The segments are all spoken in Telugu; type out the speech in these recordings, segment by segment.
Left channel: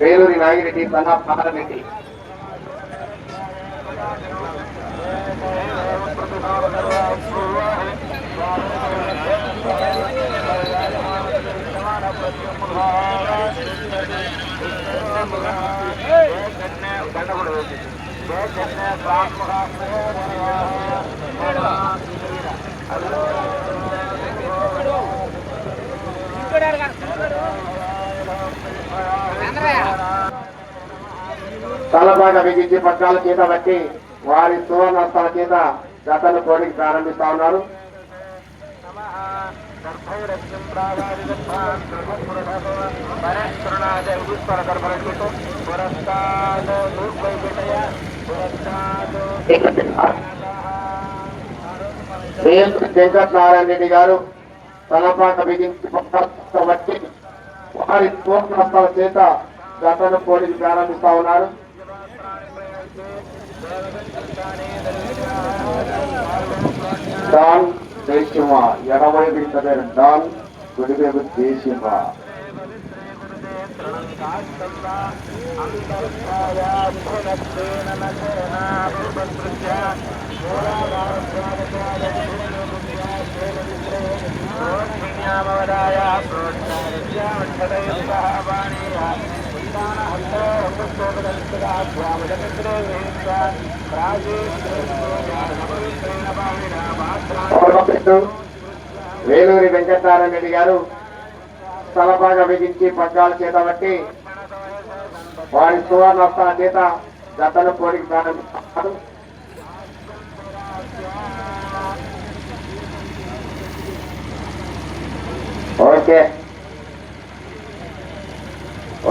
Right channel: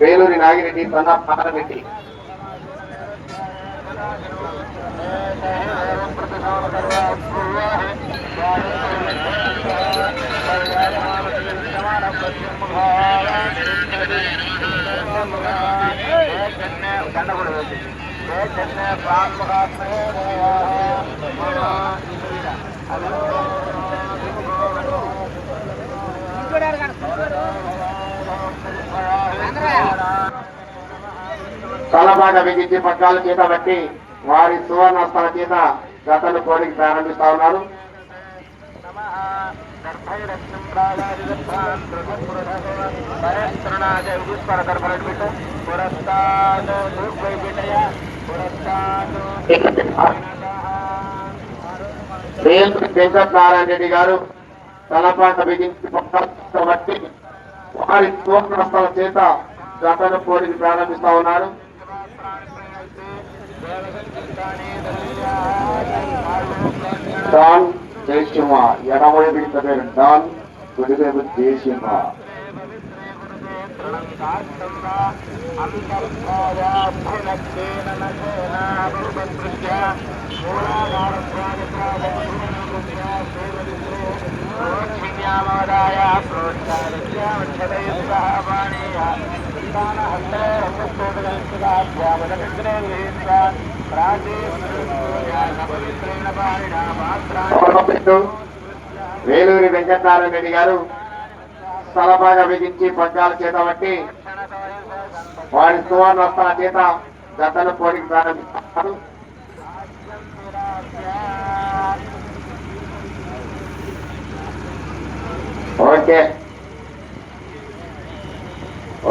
వేలూరి నాగిరెడ్డి తన పాలరెడ్డి తలబాట బిగించి పట్టాల చేత బట్టి వారి సువర్ణాస్తాల చేత గతను కోడికి ప్రారంభిస్తా ఉన్నారు. వెంకటనారాయణ రెడ్డి గారు తలపాట బిగించి పట్టాల బట్టి వారి సువర్ణాస్తాల చేత గతను కోడికి ప్రారంభిస్తా ఉన్నారు. డాన్ జయసింహ ఎడవైపు పేరు డాన్, కుడివైపు జయసింహ. వేలూరి వెంకటనారాయణ రెడ్డి గారు స్థలబాగా బిగించి పగ్గాల చేత బట్టి వారి సువర్ణాస్తాల చేత గతను కోడికి ప్రారంభిస్తారు. Okay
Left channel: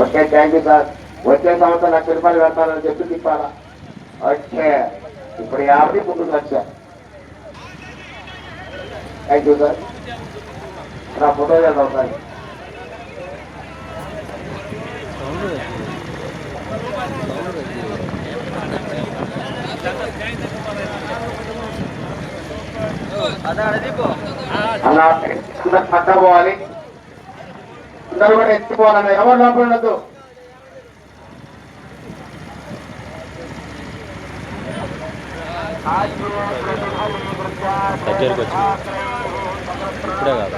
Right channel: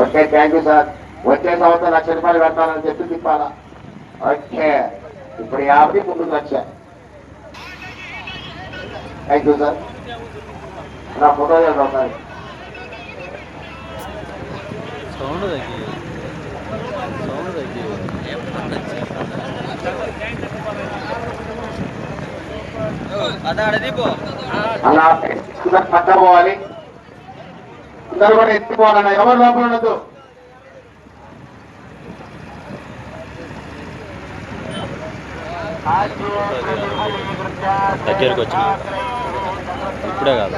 okay, thank you sir. వచ్చే సంవత్సరం 1,00,000 రూపాయలు పెడతానని చెప్పి తిప్పాలా. ఓకే, ఇప్పుడు 50 ముందుకు 1,00,000. Thank you sir. నా ఫోటో చేద్దాం సార్. అన్న పట్టబోవాలి, అందరూ కూడా ఎత్తిపోవాలన్న, ఎవరు లోపల ఉండదు. దగ్గరకు వచ్చిన ఇప్పుడే కాదు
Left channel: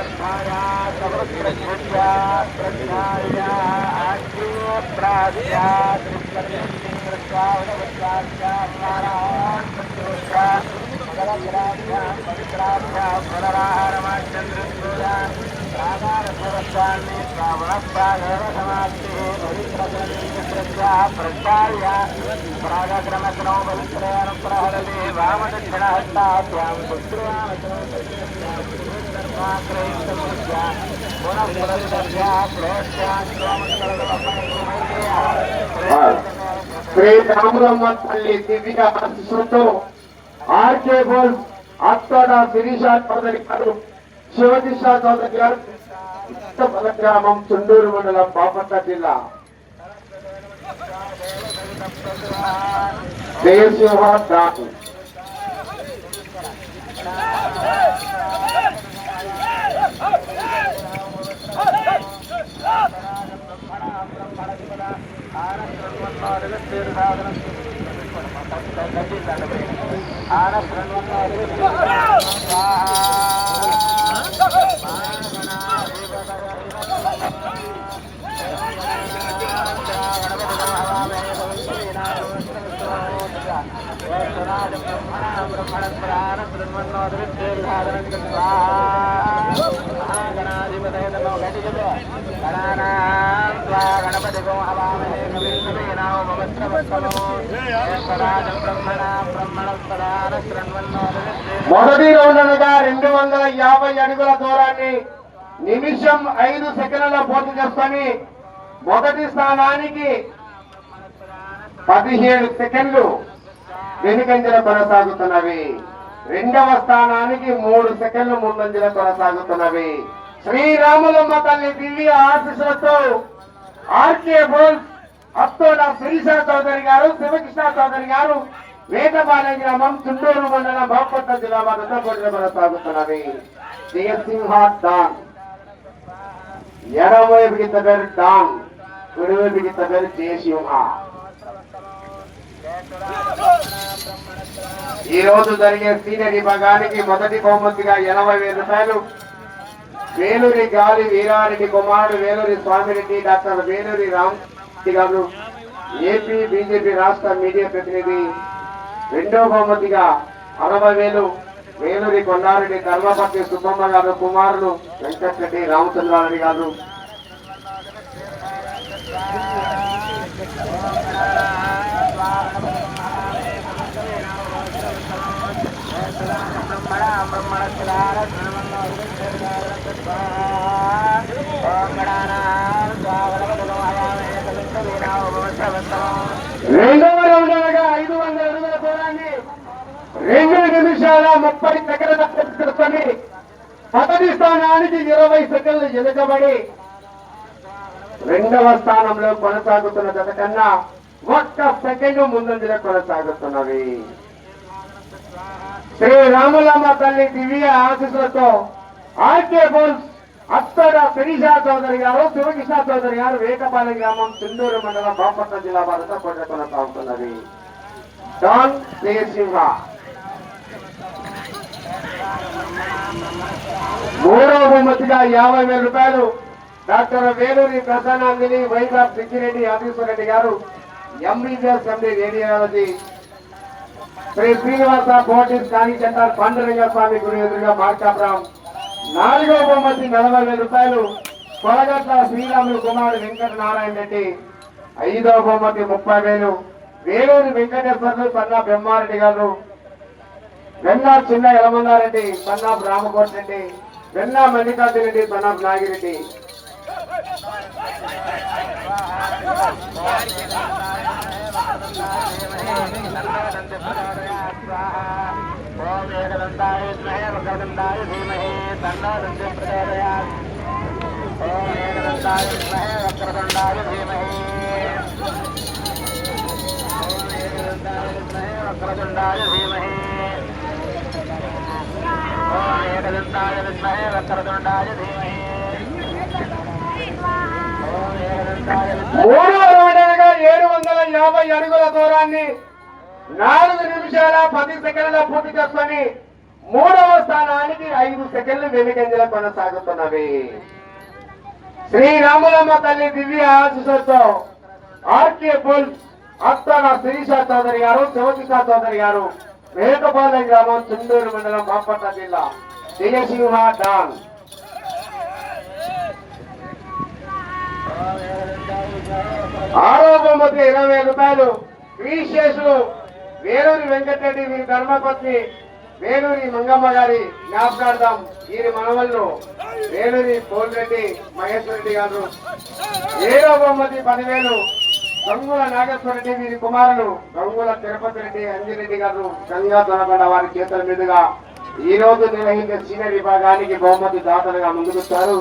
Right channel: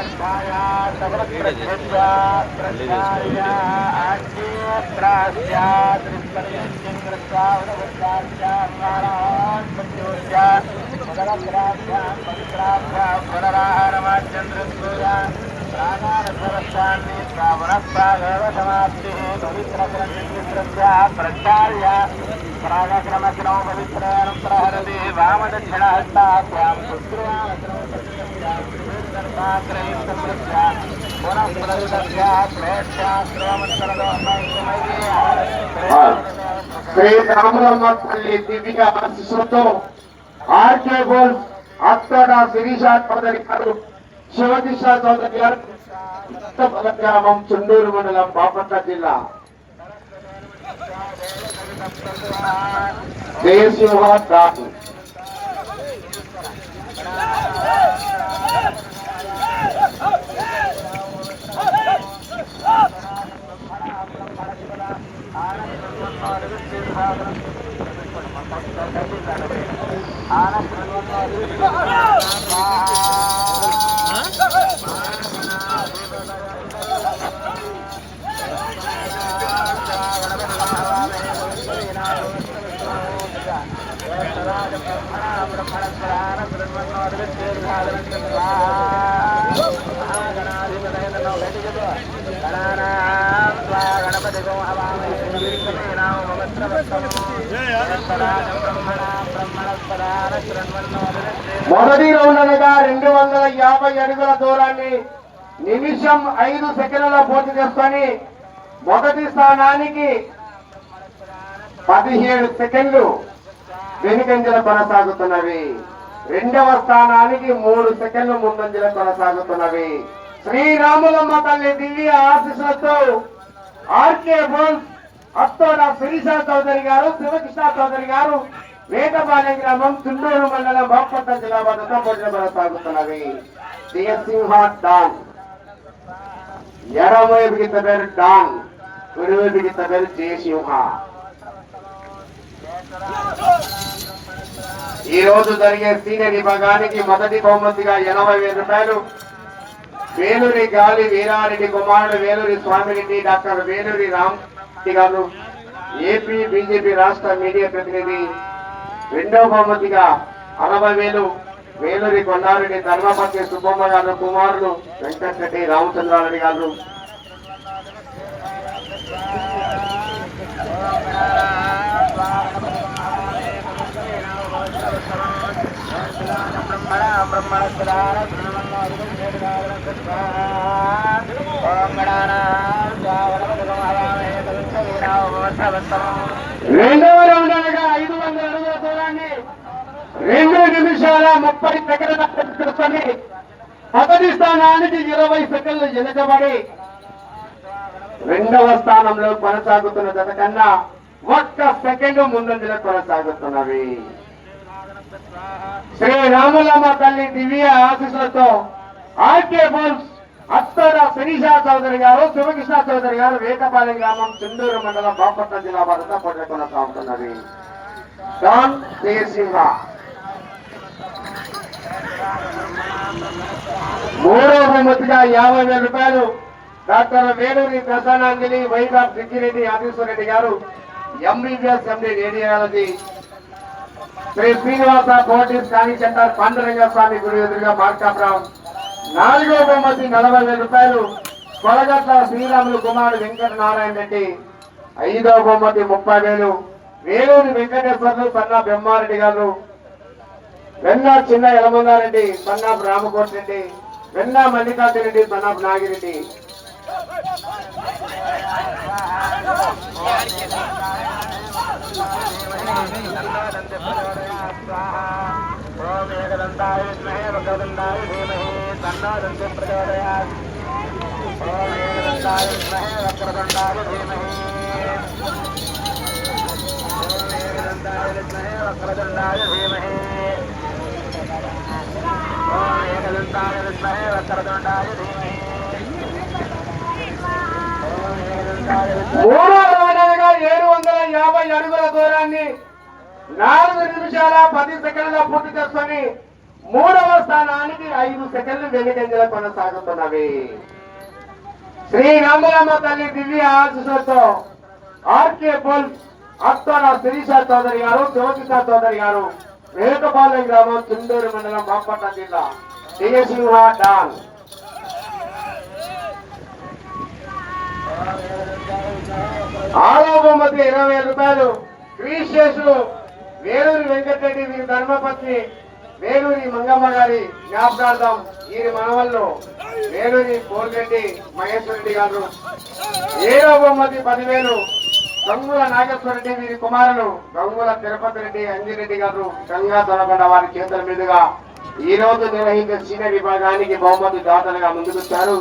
శ్రీ రామరమ్మ తల్లి దివ్య ఆశీస్సులతో ఆర్కే బోల్స్ అత్తోట శిరీష చౌదరి గారు, శివకృష్ణ చౌదరి గారు, గ్రామం, చుండూరు మండలం, బాపట్ల జిల్లా. జయసింహ దాసు మొదటి రౌండ్ అనగా 250 అడుగుల దూరాన్ని నిమిషం 5 సెకండ్లలో పూర్తి చేసుకొని మొదటి స్థానానికి 17 సెకండ్లు వెనుకంజలో కొనసాగుతున్నవి. రెండవ స్థానానికి 3 సెకండ్లు ముందంజలో కొనసాగుతున్నవి. శ్రీరాములమ్మ తల్లి దివ్య ఆశీస్సులతో ఆర్కే బోల్స్ అత్తోడ శిరీష చౌదరి గారు, శివకృష్ణ చౌదరి గారు, వేటపాలెం గ్రామం, చుండూరు మండలం, బాపట్ల జిల్లా వద్దతో పోటీలు కొనసాగుతున్నవి. జయసింహ డాన్ ఎడమవైపుకి ఇంత పేరు డాన్, కుడివైపుకి ఇంత పేరు జయసింహ. ఈ రోజు జరిగే సీనియర్ విభాగానికి మొదటి బహుమతిగా 80,000 రూపాయలు వేలూరి గాలి వీరారెడ్డి కుమారుడు వేలూరి స్వామిరెడ్డి డాక్టర్ వేలూరి రామరెడ్డి గారు ఏపీ బీజేపీ రాష్ట్ర మీడియా ప్రతినిధి. రెండవ బహుమతిగా 60,000 వేలూరి కొండారెడ్డి ధర్మపతి సుబ్బమ్మ గారు కుమారులు వెంకటరెడ్డి రామచంద్రారెడ్డి గారు. రెండవ రౌండ్ అనగా 500 అడుగుల దూరాన్ని 2 నిమిషాల 30 సెకండ్ల పూర్తి మొదటి స్థానానికి 20 సెకండ్లు వెనుకబడి రెండవ స్థానంలో కొనసాగుతున్న జత కన్నా 1 సెకండ్ ముందంజలో కొనసాగుతున్నవి. శ్రీ రాములమ్మ తల్లి దివ్య ఆశీస్సులతో ఆర్కే బోల్స్ అత్తడ శిరీష చౌదరి గారు, శివకృష్ణ చౌదరి గారు, వేకపాలెం గ్రామం, చుండూరు మండలం, బాపట్ల జిల్లా వారితో పోటీ కొనసాగుతున్నది. డాన్ జయసింహ. మూడవ బహుమతిగా 50,000 రూపాయలు డాక్టర్ వేలూరి ప్రసన్నాంజలి వైభవ్ సిక్కిరెడ్డి ఆదీశ్వరరెడ్డి గారు, MBBS MD radiology, Sri Srinivasa కోటిస్ కాని సెంటర్ పాండురంగ స్వామి గురి ఎదురుగా మార్కాపురం. నాలుగో బహుమతి 40,000 రూపాయలు కొలగట్ల శ్రీరాములు కుమారుడు వెంకట నారాయణ రెడ్డి. ఐదవ బహుమతి 30,000 వేలూరి వెంకటేశ్వర్లు సన్నా బ్రహ్మారెడ్డి గారు, వెన్నా చిన్న యలమంగారెడ్డి సన్నాపు రామకోటి రెడ్డి, వెన్నా మల్లికార్జున రెడ్డి సన్నాపు నాగిరెడ్డి. మూడో రౌండ్ అనగా 750 అడుగుల దూరాన్ని 4 నిమిషాల 10 సెకండ్ల పూర్తి చేసుకొని మూడవ స్థానానికి 5 సెకండ్లు వెనుకంజలో కొనసాగుతున్నవి. శ్రీ రాములమ్మ తల్లి దివ్య ఆశీస్సులతో ఆర్కే బుల్ అత్తన శిరీష చౌదరి గారు, శివకృష్ణ చౌదరి గారు, వేకపాలెం గ్రామం, చుండూరు మండలం, బాపట్ల జిల్లా. జయసింహ డాన్. ఆరో బహుమతి 20,000 రూపాయలు క్రీశేషు వేలూరి వెంకటరెడ్డి వీరి ధర్మపత్ని వేలూరి మంగమ్మ గారి జ్ఞాపకార్థం వీరి మనవల్లో వేలూరి కోల్రెడ్డి మహేశ్వర రెడ్డి గారు. 7వ బహుమతి 10,000 గంగుల నాగేశ్వర రెడ్డి వీరి కుమారులు గంగుల తిరుపతి రెడ్డి అంజిరెడ్డి గారు గంగా దొనకొండ వారి చేతుల మీదుగా ఈ రోజు నిర్వహించే సీనియర్ విభాగానికి బహుమతి దాతలుగా ముందుకొచ్చారు.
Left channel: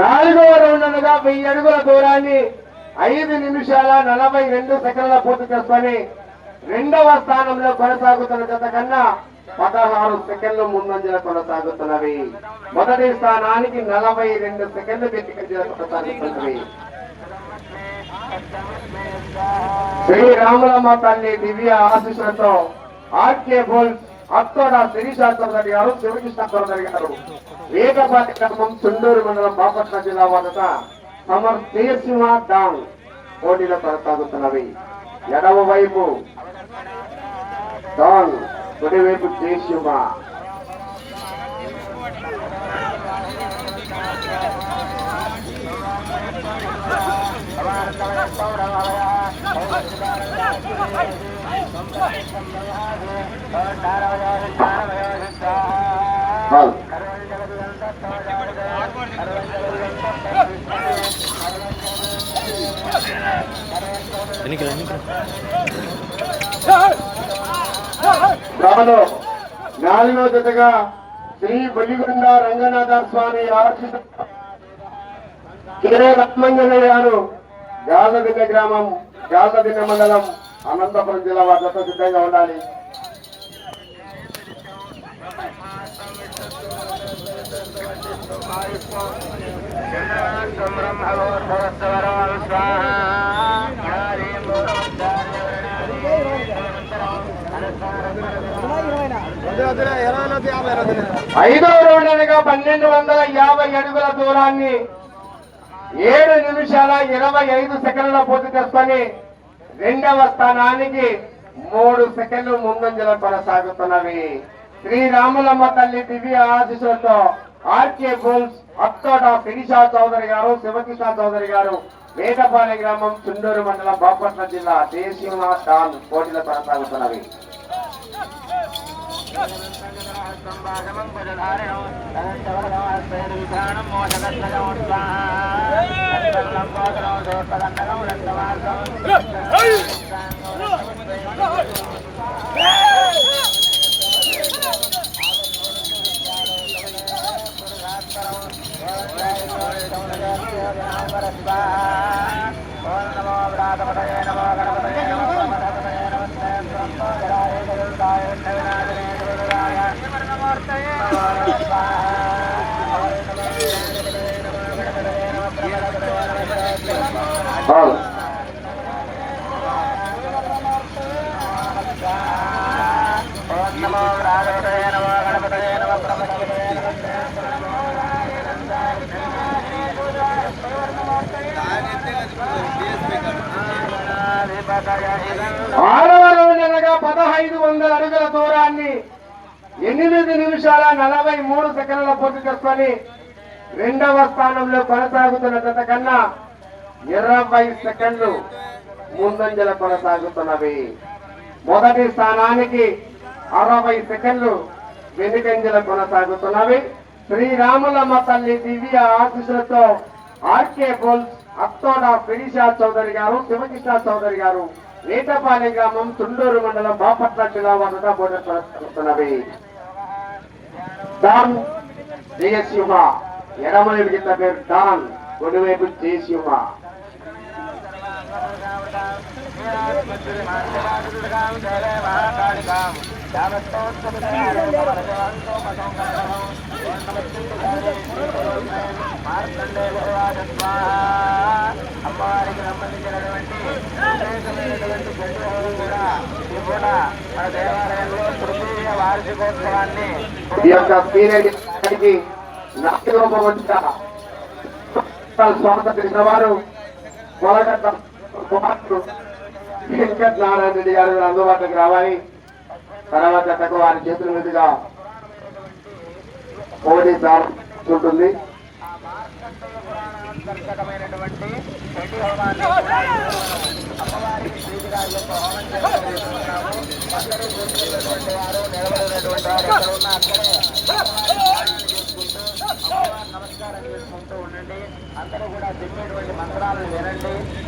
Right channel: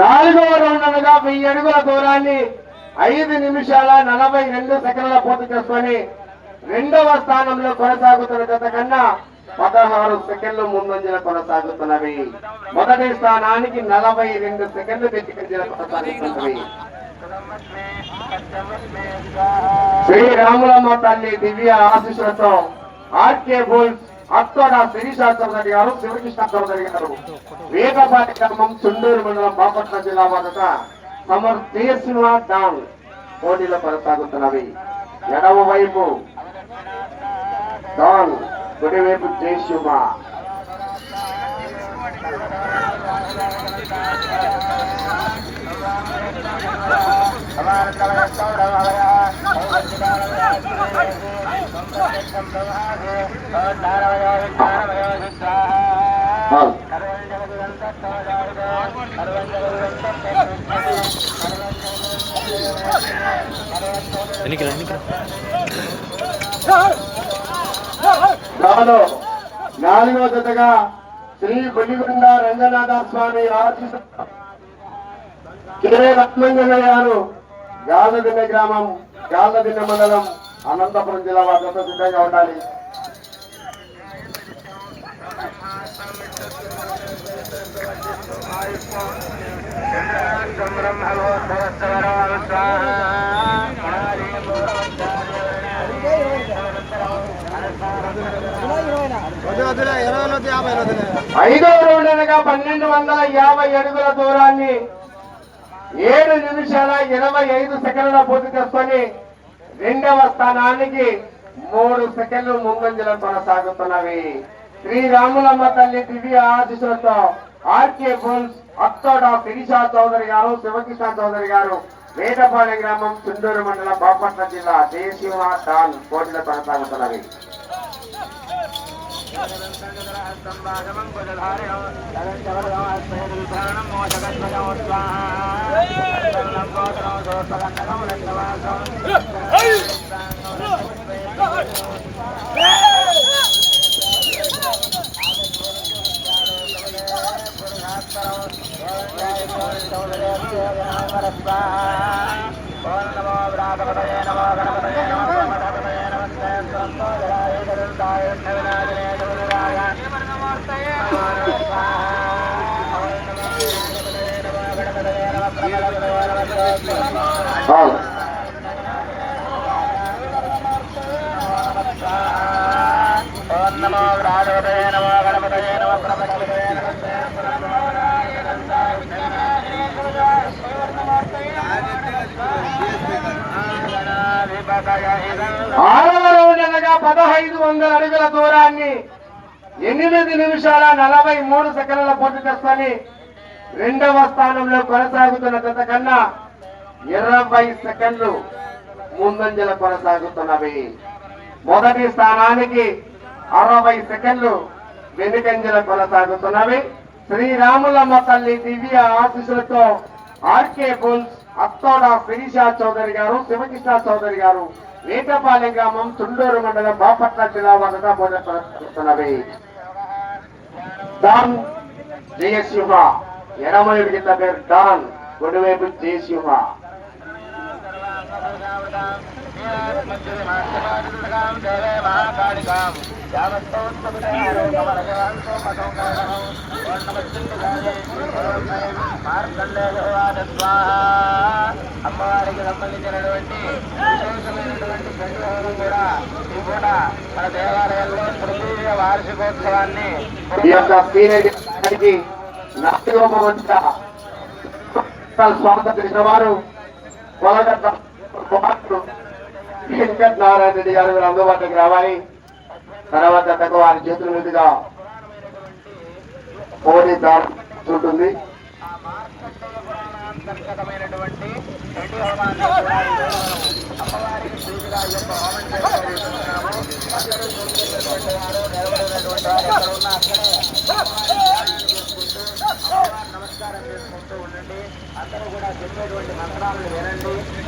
నాలుగవ రౌండ్ అనగా 1000 అడుగుల దూరాన్ని 5 నిమిషాల 42 సెకండ్ల పూర్తి చేసుకొని రెండవ స్థానంలో కొనసాగుతున్న జత కన్నా 16 సెకండ్లు ముందంజలో కొనసాగుతున్నవి. మొదటి స్థానానికి 42 సెకండ్లు వెనుకంజలో కొనసాగుతున్నవి. శ్రీ రాములమ్మ తల్లి దివ్య ఆశీస్సులతో ఆర్కే బుల్ అత్తోడ శిరీష చౌదరి గారు, శివకృష్ణ చౌదరి గారు, వేకపాటి గ్రామం, చుండూరు మండలం, బాపట్ల జిల్లా వద్ద సమర్ జయసింహ డాంగ్ పోటీలో కొనసాగుతున్నవి. ఎడమ వైపు డాంగ్, కుడివైపు జయసింహ. అవును. దానిలో 4వ జతగా శ్రీ బొల్లిగొండ రంగనాథ స్వామి ఆశీస్సు కె లక్ష్మణయ్య గారు యాదగిరి గ్రామం యాదగిరి మండలం అనంతపురం జిల్లా వారితో సిద్ధంగా ఉండాలి. ఐదవ రౌండ్ అనగా 1250 అడుగుల దూరాన్ని 7 నిమిషాల 25 సెకండ్ల పూర్తి చేసుకొని రెండవ స్థానానికి 3 సెకండ్లు ముందంజలో కొనసాగుతున్నవి. శ్రీరాములమ్మ తల్లి దివ్య ఆశీస్సులతో ఆర్కే బుల్స్ అత్తోట ఫినిషా చౌదరి గారు, శివకిషా చౌదరి గారు, వేటపాలెం గ్రామం, చుండూరు మండలం, బాపట్ల జిల్లా దేశీయ ఖాన్ పోటీలో కొనసాగుతున్నవి. ఆరవ రౌండ్ అనగా 1500 అడుగుల దూరాన్ని 8 నిమిషాల 43 సెకండ్ల పూర్తి చేసుకొని రెండవ స్థానంలో కొనసాగుతున్న జత కన్నా 20 సెకండ్లు ముందంజల కొనసాగుతున్నవి. మొదటి స్థానానికి 60 సెకండ్లు వెనుకంజల కొనసాగుతున్నవి. శ్రీరాములమ్మ తల్లి దివ్య ఆశీస్సులతో ఆర్కే బుల్స్ అత్తోడ ఫినిషా చౌదరి గారు, శివకృష్ణ చౌదరి గారు, వేటపాలెం గ్రామం, చుండూరు మండలం, బాపట్ల జిల్లా వద్ద పోటీ కొనసాగుతున్నవి. డాన్ జయసింహ ఎడమయుడి కింద పేరు డాన్, కుడివైపు జయసింహ. ఈ యొక్క సీనియర్కి స్వాగతం చేసిన వారు వెంకట నారాయణ రెడ్డి గారు అందుబాటులోకి రావాలి. తర్వాత జతకు వారి చేతుల మీదుగా పోటీ ఉంటుంది.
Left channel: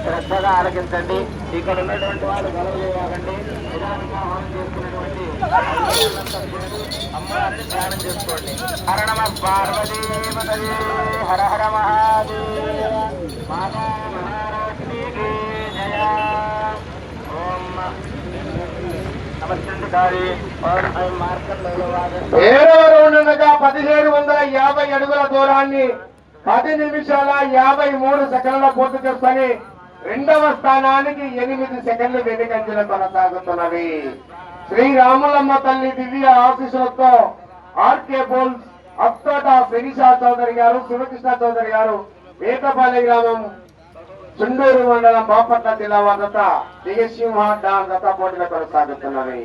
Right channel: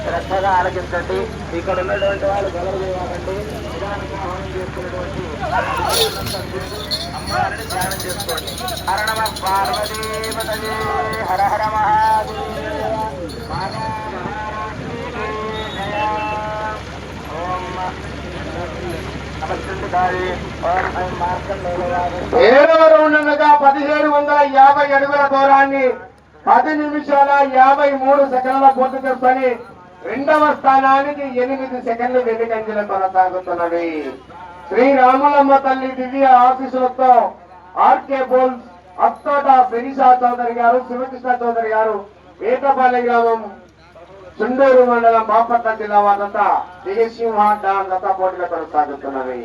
శ్రద్ధగా ఆలకించండి. ఇక్కడ ఉన్నటువంటి వాళ్ళు హర హర ఏడవ రౌండ్ అనగా 1750 అడుగుల దూరాన్ని 10 నిమిషాల 53 సెకండ్ల పూర్తి చేసుకొని రెండవ స్థానానికి 8 సెకండ్లు వెనుకంజలు కొనసాగుతున్నవి. శ్రీరాములమ్మ తల్లి దివ్య ఆశీస్సులతో ఆర్కే బుల్స్ అత్తోట ఫినిషా చౌదరి గారు, శివకృష్ణ చౌదరి గారు, వేటపాలెం గ్రామం, చుండూరు మండలం, బాపట్ల జిల్లా వద్ద జయసింహ డాన్ గత పోటీలో కొనసాగుతున్నవి.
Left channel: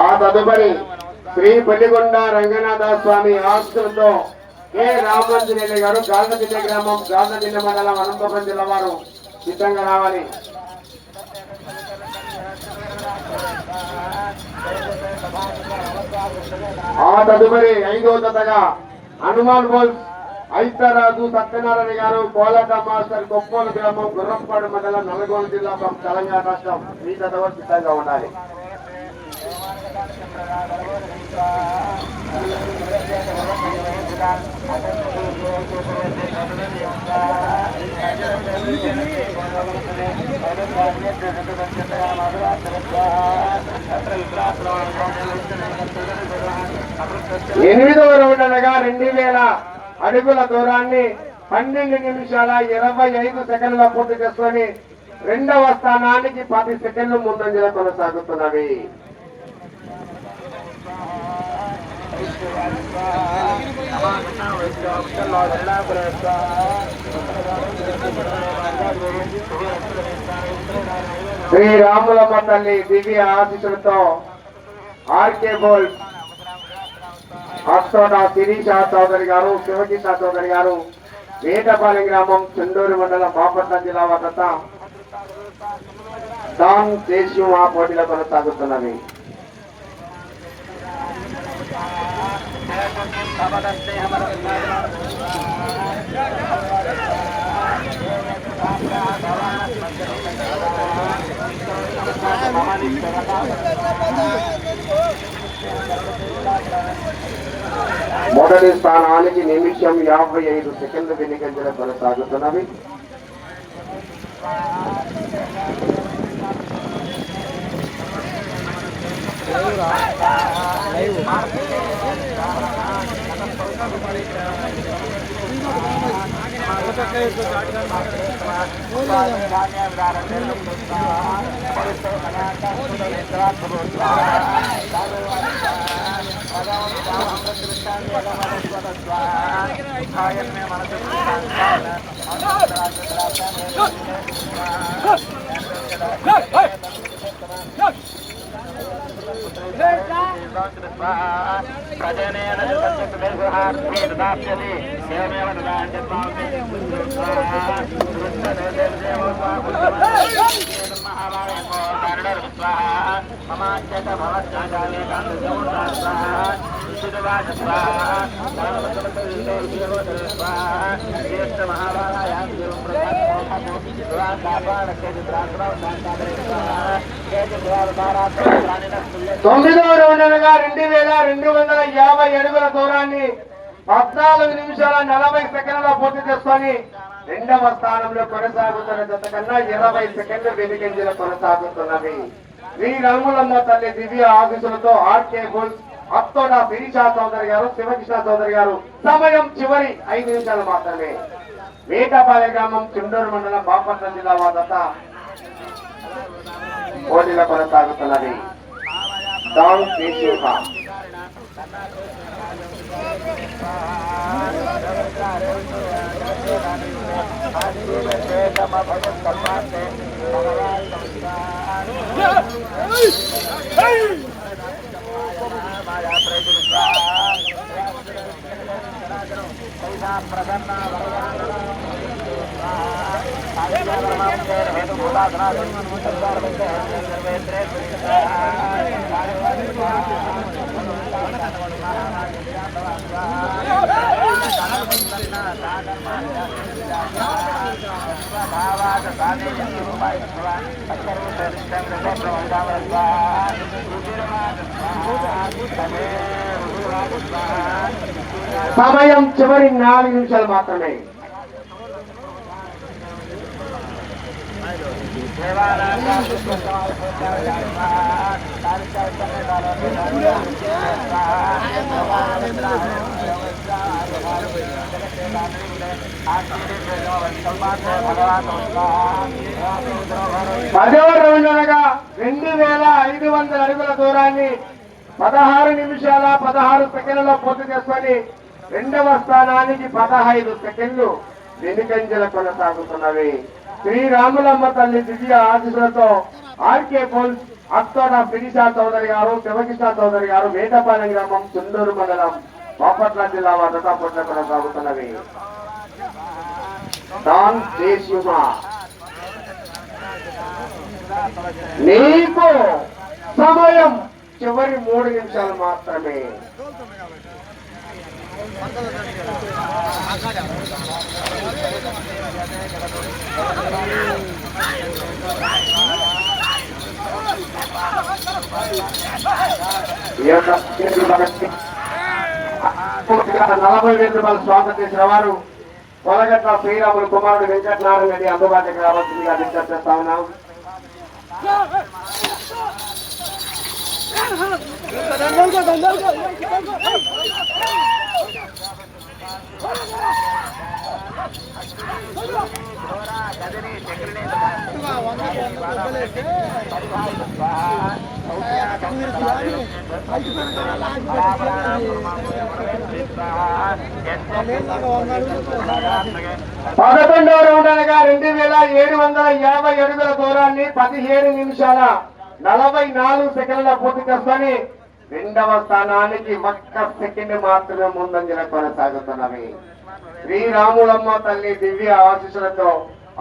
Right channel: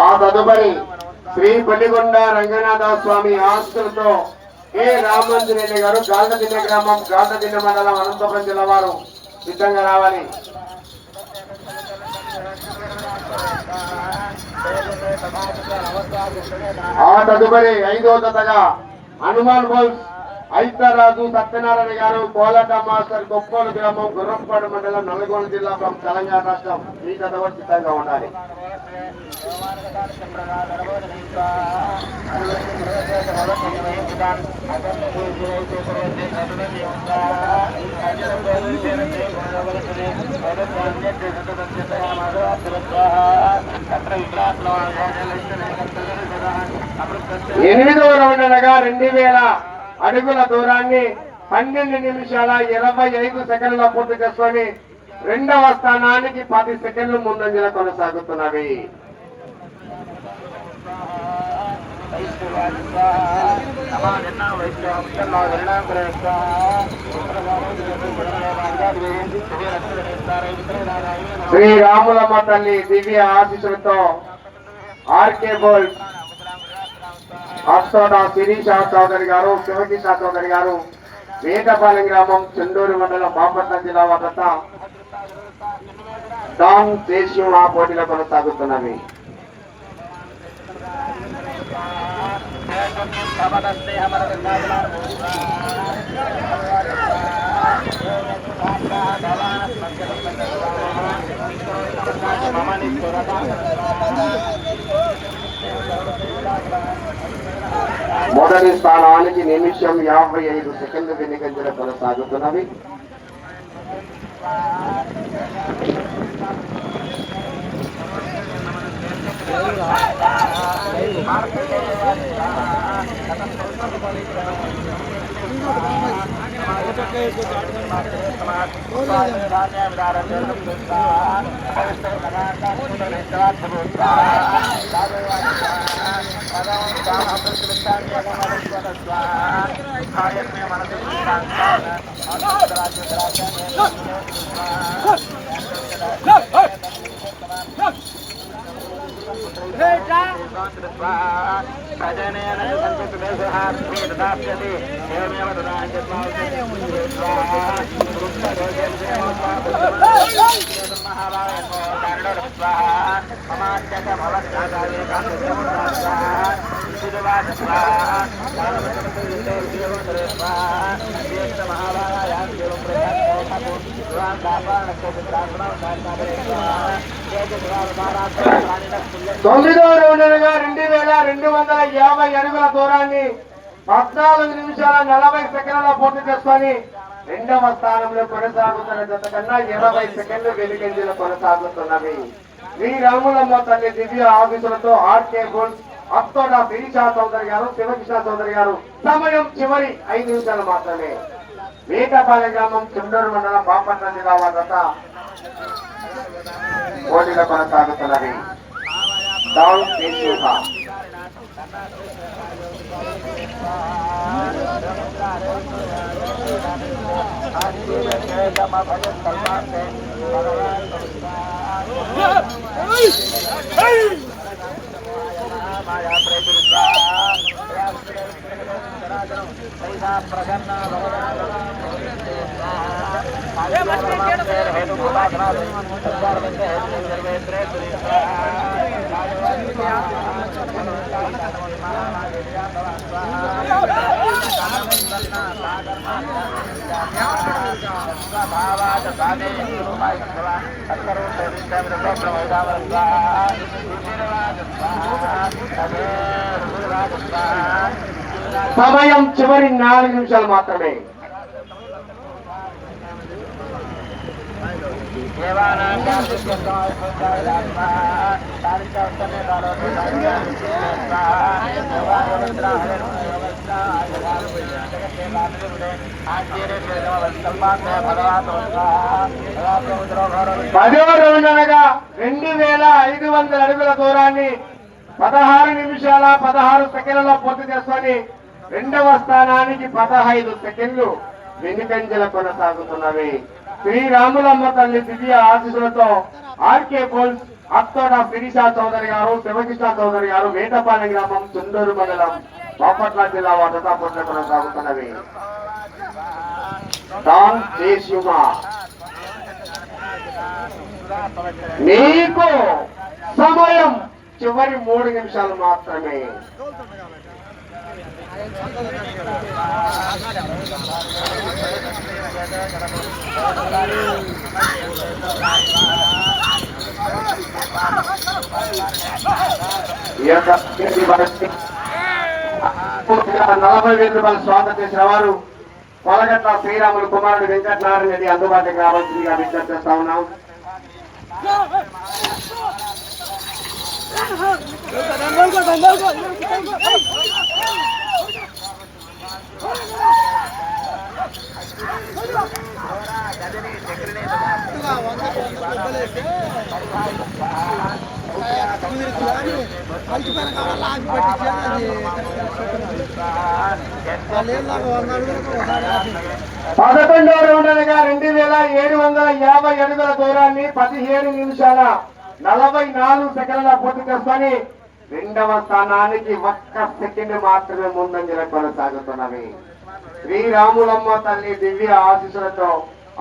ఆ తదుపరి శ్రీ పల్లిగొండ రంగనాథ స్వామి ఆస్తులతో కె రామోజీరెడ్డి గారు గాల్దదిన్న గ్రామం గాల్దదిన్న మండలం అనంతపురం జిల్లా వారు సిద్ధంగా రావాలి. ఆ తదుపరి 5వ జతగా హనుమాన్ బోల్స్ ఐతరాజు సత్యనారాయణ గారు కోలాట మాస్టర్ కొప్పోలు గ్రామం గుర్రంపాడు మండలం నల్గొండ జిల్లా తెలంగాణ రాష్ట్రం ఈ జత వారు సిద్ధంగా ఉండాలి. ఎనిమిదవ రౌండ్ అనగా 2000 అడుగుల దూరాన్ని 12 నిమిషాల 25 సెకండ్ల పూర్తి చేసుకొని రెండవ స్థానానికి 10 సెకండ్లు ముందంజలో కొనసాగుతున్నవి. శ్రీరాములమ్మ తల్లి దివ్య ఆశీస్సులతో ఆర్కే బోల్స్ అస్తోట శిరీష చౌదరి గారు శివకిషా చౌదరి గారు వేటపాలెం గ్రామం చెండూరు మండలం బాపట్ల జిల్లా వద్ద డాన్ దేశం ఆ పోటీలో కొనసాగుతున్నవి. మొదటి స్థానానికి నిమిషం 55 సెకండ్లు వెనుకంజలో కొనసాగుతున్నవి. తొమ్మిదవ రౌండ్గా 2250 అడుగుల దూరాన్ని 14 నిమిషాల 40 సెకండ్ల పూర్తి చేసుకొని రెండవ స్థానంలో కొనసాగుతున్న జత కన్నా 20 సెకండ్లు వెనుకంజలో కొనసాగుతున్నవి. శ్రీరాములమ్మ తల్లి దివ్య ఆఫీసులతో ఆర్కే బోల్ అత్తోడ శిరీషా చౌదరి గారు శివకృష్ణ చౌదరి గారు సమయం చివరి 5 నిమిషాలు మాత్రమే. వేటపాలెం గ్రామం చెండూరు మండలం బాపట్ల జిల్లా వద్ద పోటీలో కొనసాగుతున్నవి. డౌన్ కేశవ సమయం చివరి 4 నిమిషాలు మాత్రమే. పదవ రౌండ్ అనగా 2500 అడుగుల దూరాన్ని 16 నిమిషాల 16 సెకండ్లలో పూర్తి చేసుకొని రెండవ స్థానానికి 15 సెకండ్లు వెనుకంజల కొనసాగుతున్నవి. శ్రీరాములమ్మ తల్లి దివ్య ఆశీస్సులతో ఆర్కే పోల్స్ అత్తోడ శిరీషా చౌదరి గారు, శివకృష్ణ చౌదరి గారు, వేటపాలెం గ్రామం, చుండూరు మండలం, బాపట్ల జిల్లా వద్ద పోటీలు కొనసాగుతున్నవి. నీకు సమయం చివరి 3 నిమిషాలు మాత్రమే. నలభై రూపాయలు స్వాగతం చేసిన వారు పొలగట్ల శ్రీరాములు కుమారుడు వెంకటనారాయణ రెడ్డి అందుబాటులోకి రావాల్సిందిగా విజ్ఞప్తి చేస్తా ఉన్నాం. పదకొండవ రౌండ్ అనగా 2750 అడుగుల దూరాన్ని 17 నిమిషాల 44 సెకండ్ల పూర్తి చేసుకొని 2వ స్థానానికి 1 సెకండ్ మాత్రమే ముందంజల కొనసాగుతున్నవి. శ్రీరాములమ్మ తల్లి దివ్య ఆశీస్సులతో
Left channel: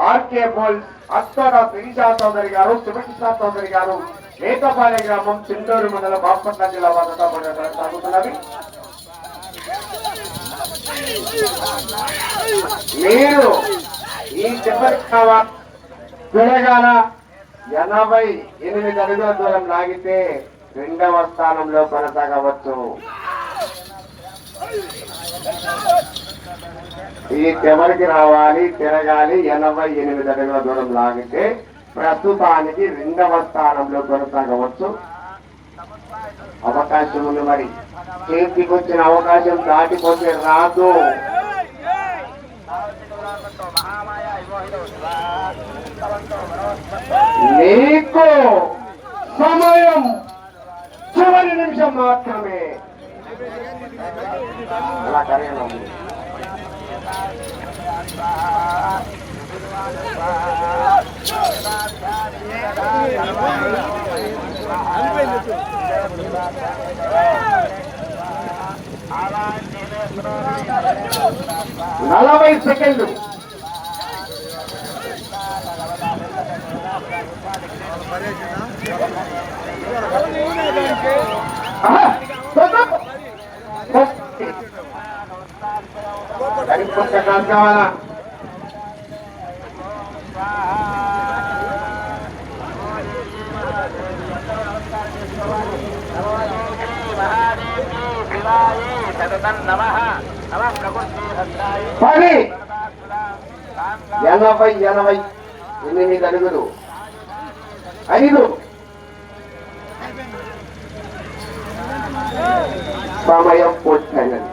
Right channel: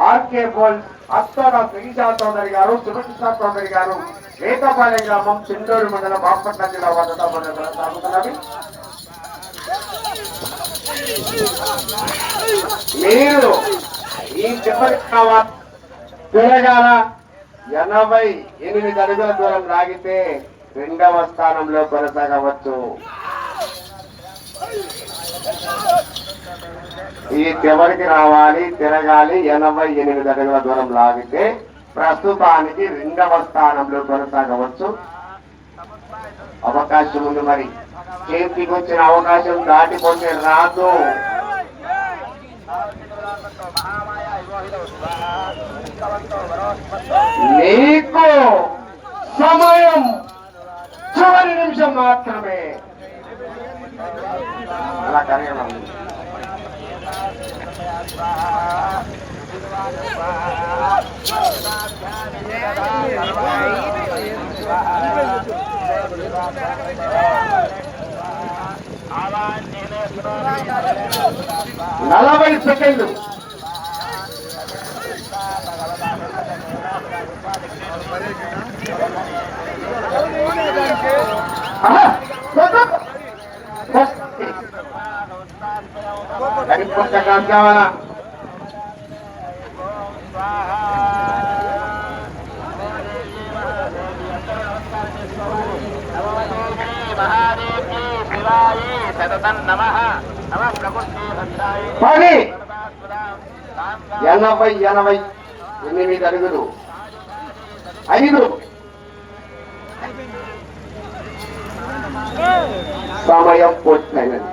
ఆర్కే పోల్ అత్తోడ శిరీషా చౌదరి గారు, శివకృష్ణ చౌదరి గారు, వేటపాలెం గ్రామం, చిండూరు మండలం, బాపట్ల జిల్లా వద్ద కొనసాగుతున్నవి. మీరు ఈ చివరి తిరగాల 88 అడుగుల దూరం లాగితే 2వ స్థానంలో కొనసాగవచ్చు. ఈ చివరికి రావాలి, తిరగాలి. 88 అడుగుల దూరం లాగితే ప్రస్తుతానికి 2వ స్థానంలో కొనసాగవచ్చు. అవకాశం ఉంది. మరి చేతికి వచ్చిన అవకాశం దాటిపోతే రాదు. నీకు సమయం చివరి నిమిషం మాత్రమే. అలా కరేనా నలభై సెకండ్లు. కావాలా? పది 88 అడుగులు 5 సమయం పూర్తయినది.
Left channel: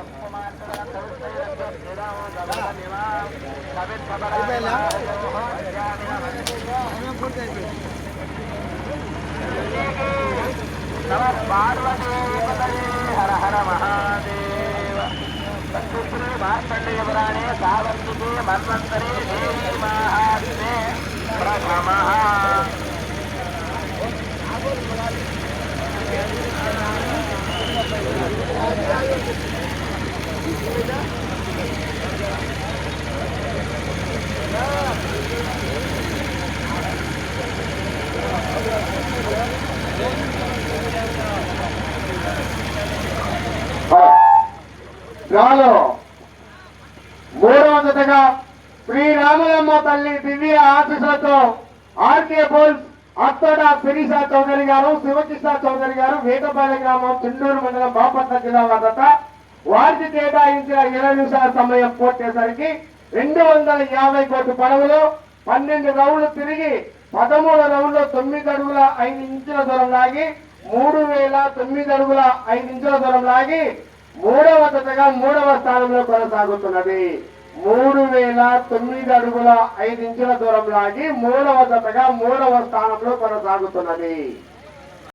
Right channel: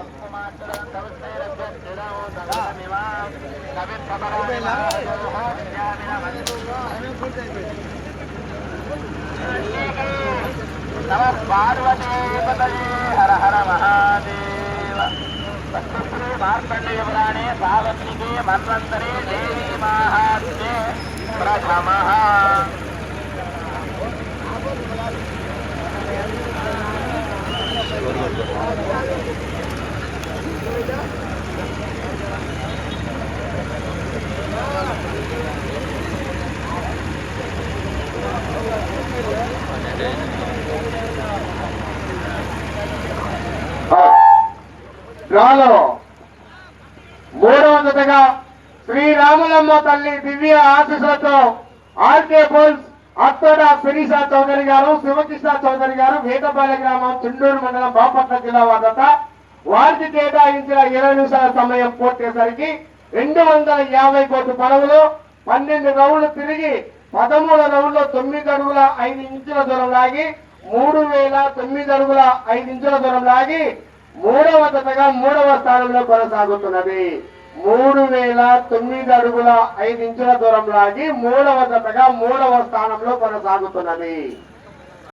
హర హర మహాదేవ మార్కండేయురాణే సావంతికే మన్వంతరే దేవీ మహాదే ప్రథమః. డ్రాలో 3వ జతగా శ్రీరాములమ్మ తల్లి దివ్య ఆశీస్సులతో ఆర్కే పోల్స్ అత్తోడ శిరీషా చౌదరి గారు, శివకృష్ణ చౌదరి గారు, వేటపాలెం గ్రామం, చుండూరు మండలం, బాపట్ల జిల్లా వద్ద వారికి కేటాయించిన 20 నిమిషాల సమయం పూర్తయ్యేసరికి 250 కోట్ల పడవలు 12 రౌండ్లు తిరిగి 13 రౌండ్లో 9 అడుగుల 5 ఇంచుల దూరం లాగి 3009 అడుగుల 5 ఇంచుల దూరం లాగి 3వ జతగా 3వ స్థానంలో కొనసాగుతున్నది. 3009 అడుగుల 5 ఇంచుల దూరం లాగి 3వ జతగా 3వ స్థానంలో కొనసాగుతున్నది.